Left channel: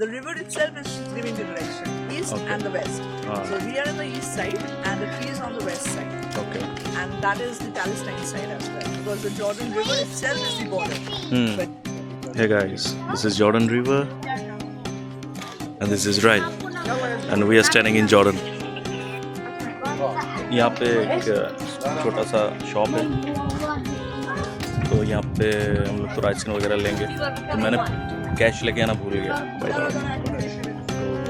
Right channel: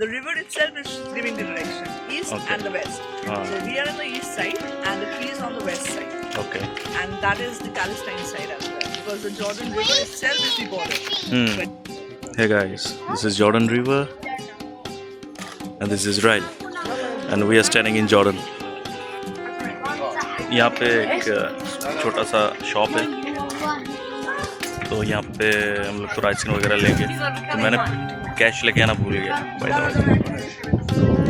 The river itself is giving the direction, east and the west. So we are on the east side and the tree is on the west side. Okay. And that is the Palestine side as well, because the Jordan River itself is the border. But Hey guys, this is Jordan River and this is Israel and we are standing in Jordan. यहाँ पे एक छोटा सा shop है, तो यहाँ पे हम लोग तो राइस वगैरह लेंगे, तो मैंने कैश लेके आना भूल गया बाय द वे,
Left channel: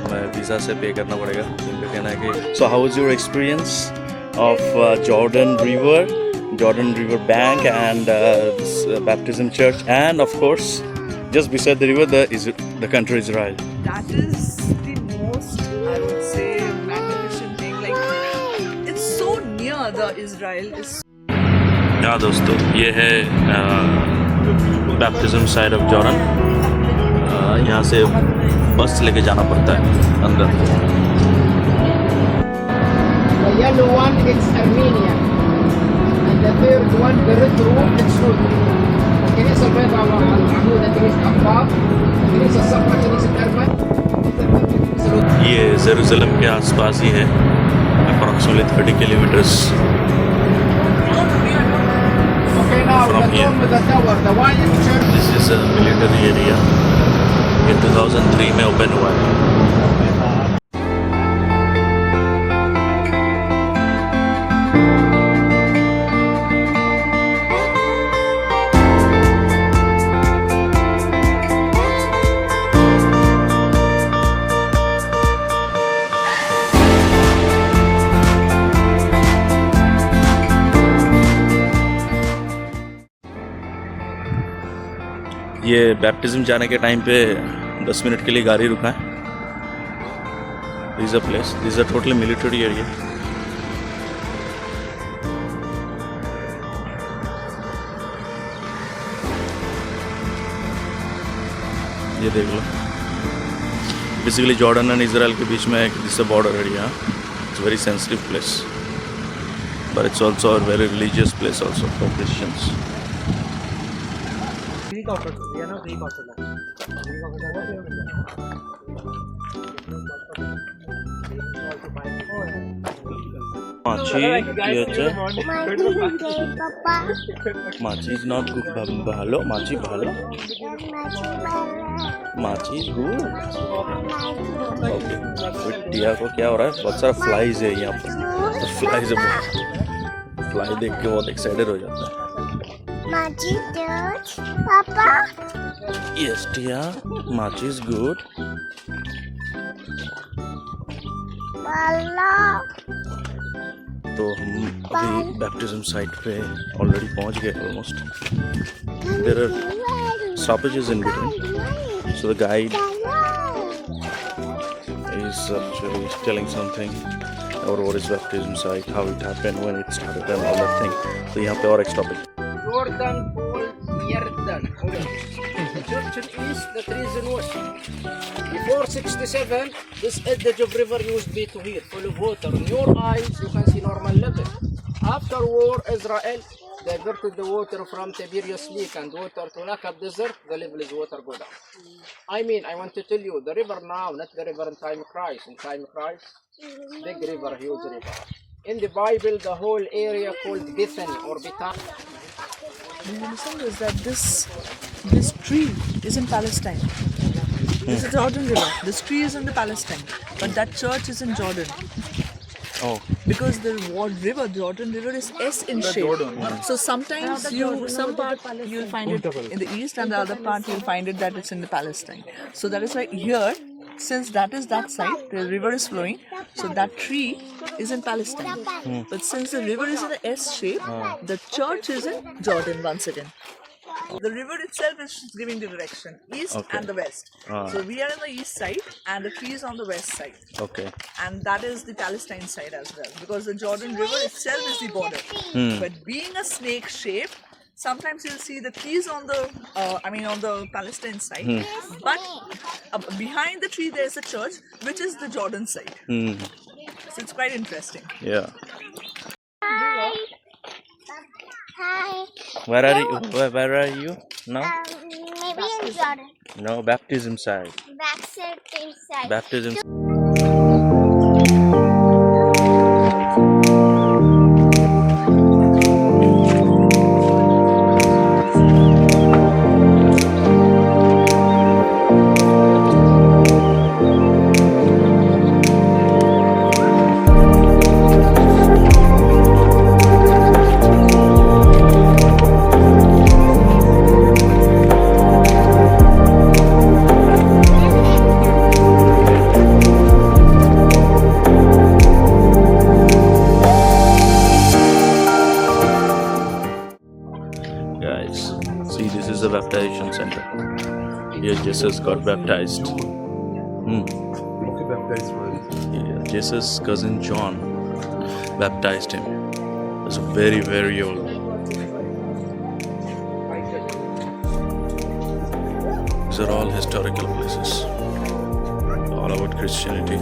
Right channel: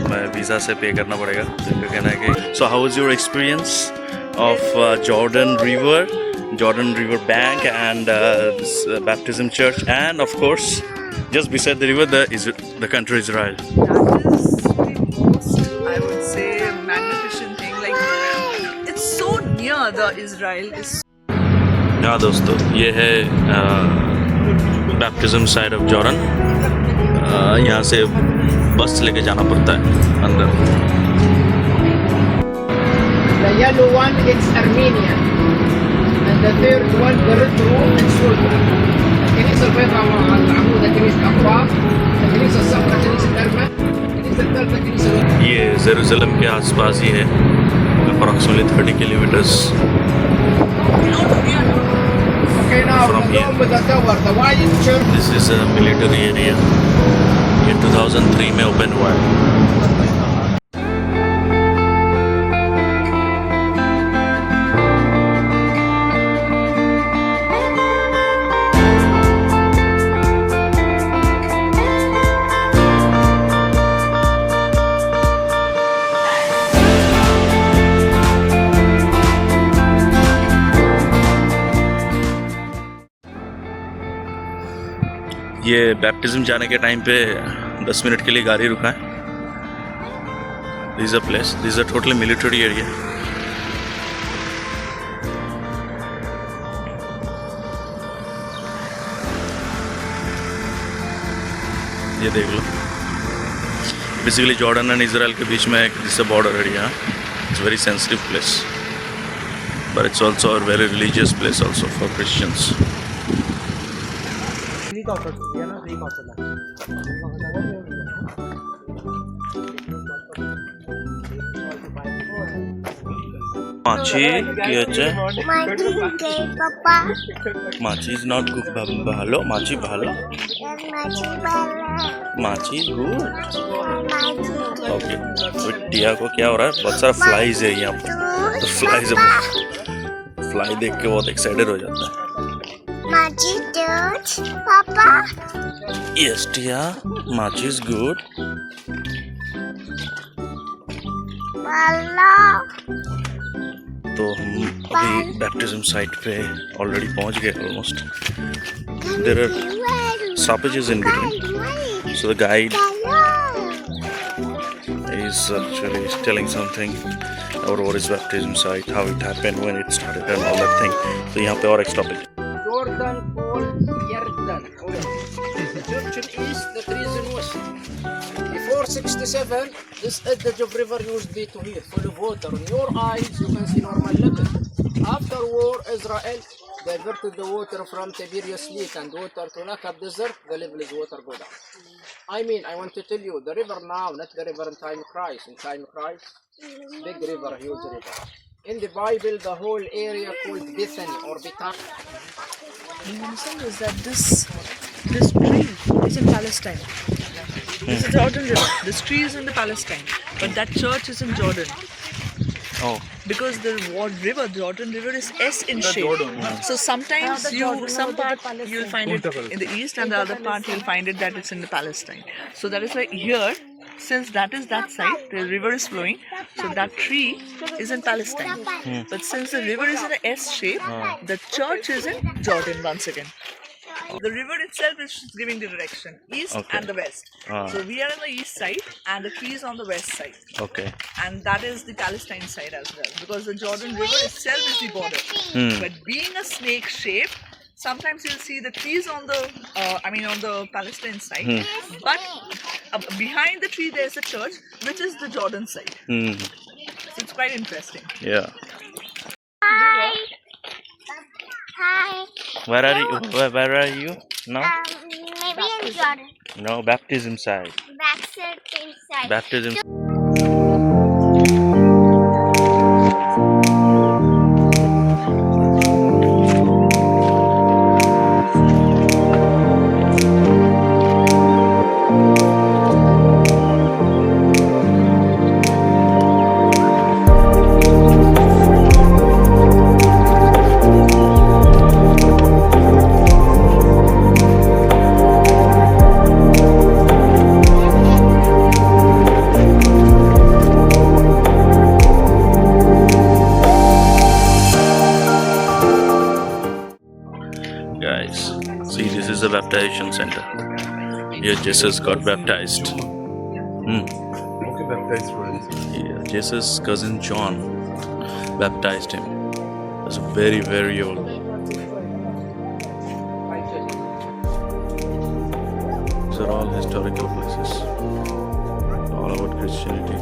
तो मैं वीज़ा से पे करना पड़ेगा। तो इनका कहना है कि so how is your experience of Jordan River Bank and this baptism church and of course just beside the river the country Israel. that is the most, I would say, magnificent thing. Like, it's so near the Israel. It's हाँ दोस्तों, ये है baptism side of Jordan. यहाँ से बस लेके जाना पड़ता है अंदर। The yellow one is Armenia, and the third one, the red one, is Turkey. الكنيسة البيضاء العمود الكنيسة الأقباط، الكنيسة الصفراء كنيسة أرمن، الكنيسة الثالثة كنيسة لوط. ये जेरूसलम के आसपास ही है, approximately 30 kilometres Okay, now From the here. dome with the tower, the white church. This is a military area. ये 2003 में open हुआ है। ये baptism जाने के टाइम पे 10 मिनट के लिए गाड़ी रुका है। This a place, this a totally military area. ये देख लो, बेसिकली जॉर्डन एंड इजराइल के बीच में this a border area. It's very sensitive place but it's also a very religious place also for Christians. মাছি কি হচ্ছে? মাছি ইজ নট ভালো, মাছি ভালো, माची गुड। ओके, तो टिया को क्या हो रहा है? बहुत सारा फ्लाइज है यहाँ पर, तो फ्लाइज है, फ्लाई देख के बहुत एक्साइटेड हो जाता है। Machi good, Papa. यस टिया, माची इज गुड। Hello. तो हम अभी बैप्टिज्म साइट पे ऑलरेडी पहुंच गए almost. There are stoppages in between, so the guide is actually telling something about what is baptism site, how it happened, when it started and all that thing. So यहाँ पे और एक stoppage. Jordan called Yarden. The church in east, the trees in west. Before 67, this edge of river used to be to here, full of water. In your eyes, you can see normal level. After war, Israel diverted the water from Tiberias Lake and water to Nakab Desert. The level is water go down. I mean, I want to tell you, the river now, not the river in time of Christ. In time of Christ, big river, huge river. In the Bible, the whole area called Bethany or Bethany. the understand is that this tree is in Palestine. This is Jordan River. This tree is in the Palestine, but that church is in Jordan. Oh, Because the Jordan River is S in shape. So sometimes some part you'll find it in the east and the other part you'll find it that it's in the Palestine. So that is why here, since that is that side, the river is flowing, so that tree is in Palestine. But since the river is in a S shape, the church is in Jordan once again. The river itself is giving the direction, east and the west. So we are on the east side and the tree is on the west side. okay. And that is the Palestine side as well, because the Jordan River itself is the border. But being a snake shape, sometimes you'll see the trees on the, on the Palestine side, but behind the tree there's a church, which is the Jordan side. So it's quite interesting. Yeah. Hi. Hi. Where are you now? My Maybe in Jordan. No, baptism side. Backside inside. Baptism. Guys, see, this is the baptization center. Here Jesus got baptized. Yeah, Jesus' cousin John baptized him. He was very, very old. These are all historical places, all about Christianity.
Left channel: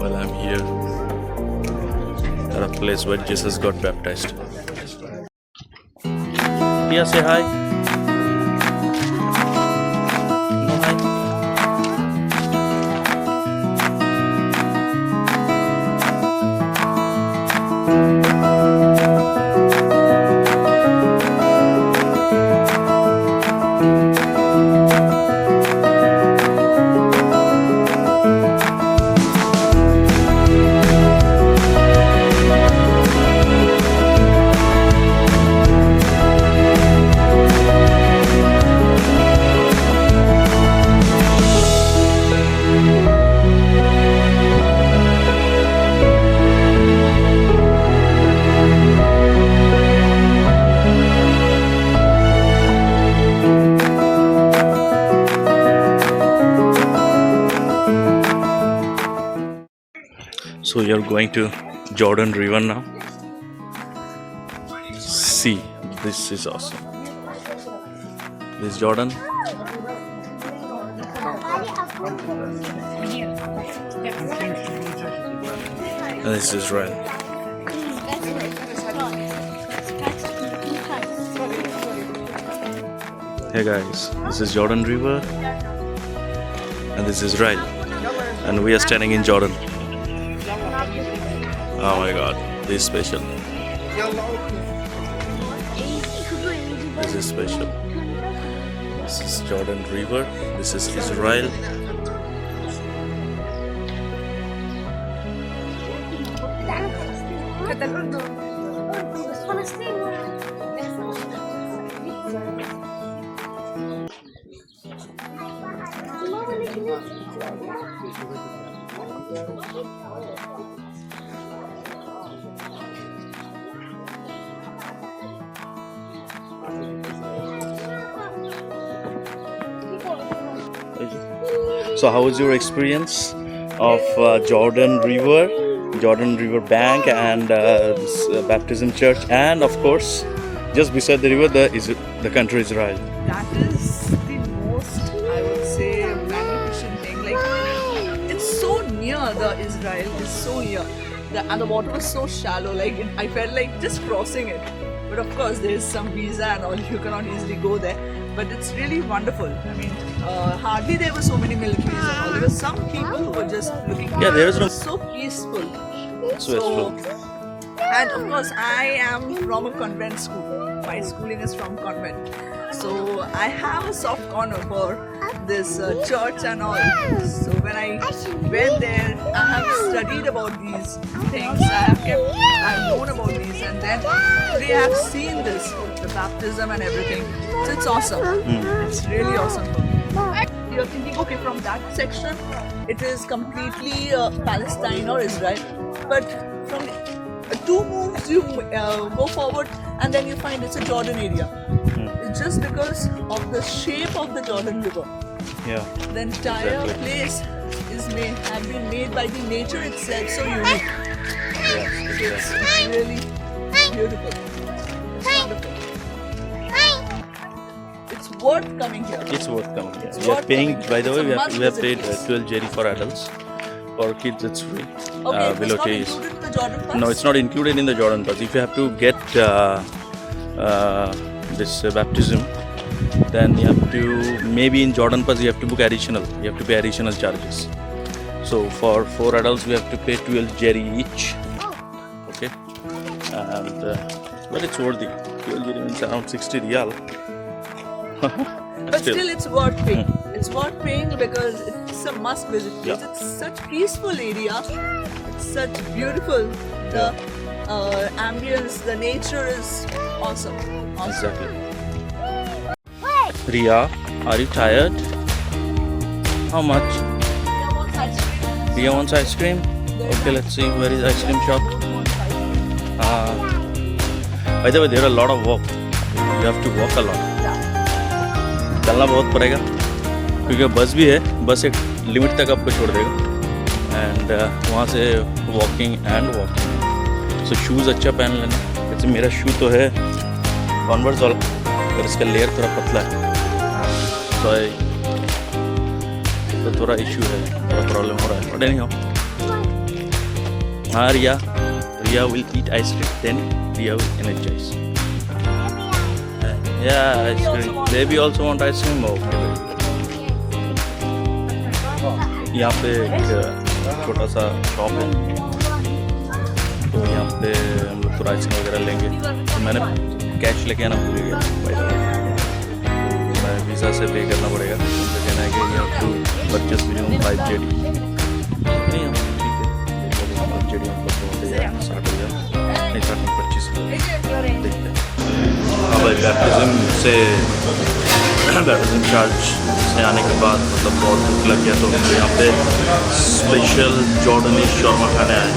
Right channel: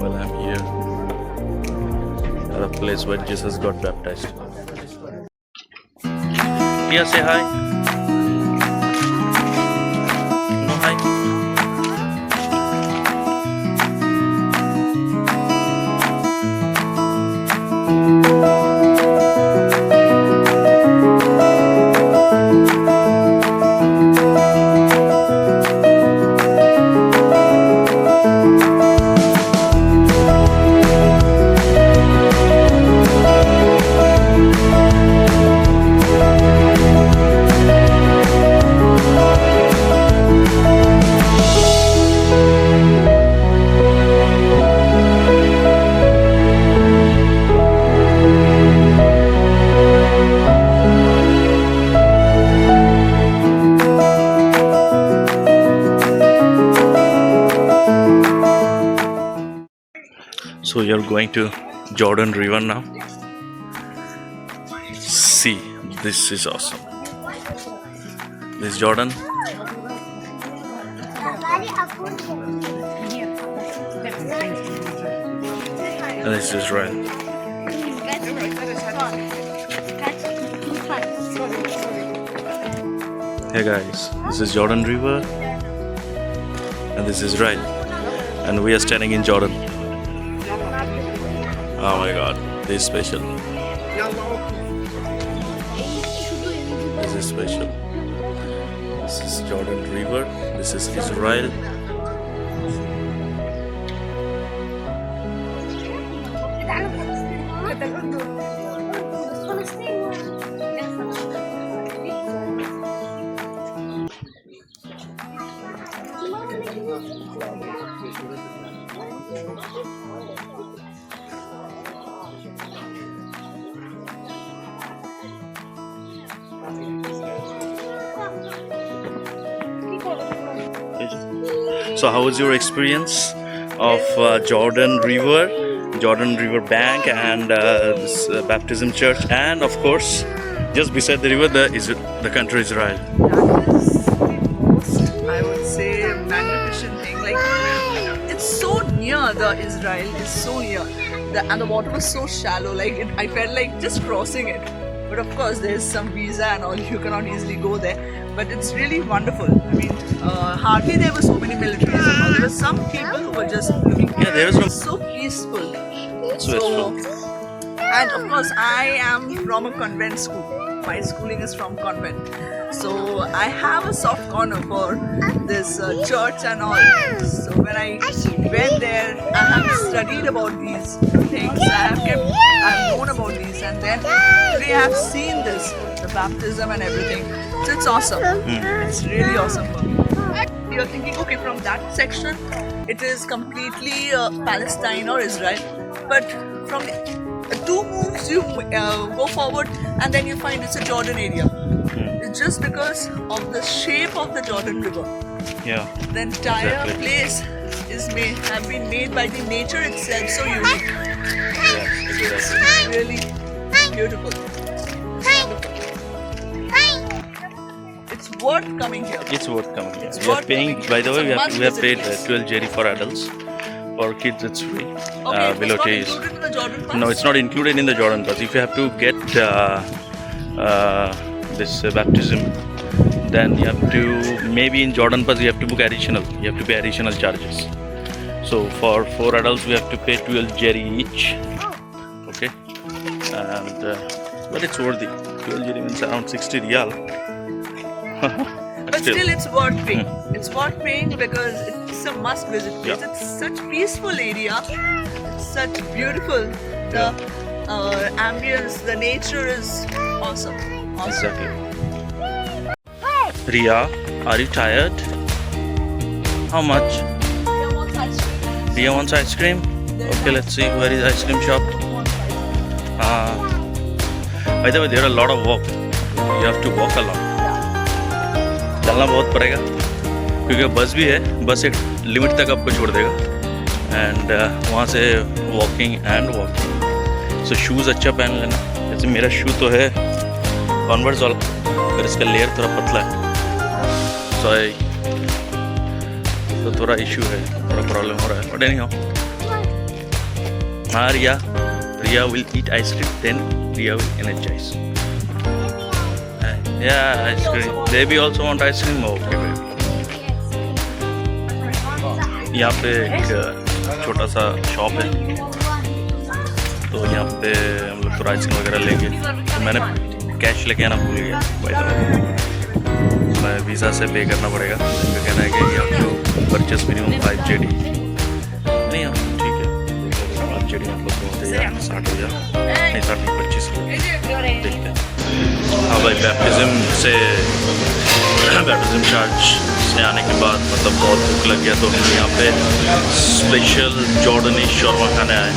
Well, I'm here at a place where Jesus got baptized. Tia, say hi. No hi. So you're going to Jordan River now. See, this is awesome. This is Jordan. And this is Israel. Hey guys, this is Jordan River. And this is Israel. And we are standing in Jordan. Oh my god, this is special. This is special. This is Jordan River. This is Israel. So how was your experience of Jordan River bank and this baptism church, and of course just beside the river the country Israel? That is the most, I would say, magnificent thing. Like, it's so near, the Israel is so near. And the water was so shallow, like I felt like just crossing it. But of course there is some visa and all, you cannot easily go there. But it's really wonderful. I mean, hardly there were so many militaries and all. There were some people who were just looking. Yeah, there is no. So peaceful. So peaceful. And of course, I am from a convent school. My schooling is from convent. So I have a soft corner for this church and all. So when I went there, I have studied about these things. I've known about these, and then today I have seen this, the baptism and everything. So it's awesome. It's really awesome for me. You're thinking, okay, from that section, it is completely Palestine or Israel. But from two moves, you go forward, and then you find it's a Jordan area. It's just because of the shape of the Jordan River. Yeah. The entire place have been made by the nature itself, so unique. Yes, It's really beautiful. It's wonderful. It's worth coming here. It's worth coming. It's We are worth paying. coming. By the It's way, a we have must-visit paid place. 12 JD for adults. For kids, it's free. Okay, Below it's not is. included in the Jordan pass? No, it's not included in the Jordan pass. If you have to get this baptism. Then you have to, maybe in Jordan Pass you have to book additional. You have to pay additional charges. So for 4 adults we have to pay 12 jerry each. Okay, and but it's worthy. 12 jerry means around 60 riyal. But still, it's worth paying. It's worth paying because it's a must-visit place. Yeah. It's such peaceful area. It's such beautiful. The ambience, the nature is awesome. Exactly. Riya, are you tired? How much? Riya wants ice cream. Okay, let's see where is ice cream shop. By the way, there are a lot of walk. You have to walk a lot. चलना बहुत पड़ेगा क्योंकि बस भी है. बस एक limit तक आपको छोड़ देगा एंड वहाँ से walking and walking. So shoes अच्छा पहन लेना. जैसे मेरा शू तो है कॉन्वर्स वाला, पर इसका लेयर थोड़ा पतला है. तो थोड़ा इशू है, थोड़ा प्रॉब्लम हो रहा है. बट एनीहाउ, हाँ Riya will eat ice cream, then Riya will energise. Yeah, ice cream. Baby also want ice cream? Okay, baby. यहाँ पे एक छोटा सा शॉप है, तो यहाँ पे हम लोग तो आइसक्रीम वगैरह लेंगे. तो मैंने कैश लेके आना भूल गया. बाय द वे, मैं वीज़ा से पे करना पड़ेगा. उनका कहना है कि you have to purchase minimum 5 JD. नहीं हाँ ठीक है, 5 JD मतलब 60,000 नहीं 25 देखते हैं. हाँ भाई, बैप्टिज्म चार्ज से आने के बाद मतलब बहुत भूख लग गया, तो हम यहाँ पे स्पेशल जॉर्डनी शौरमा खाने आए.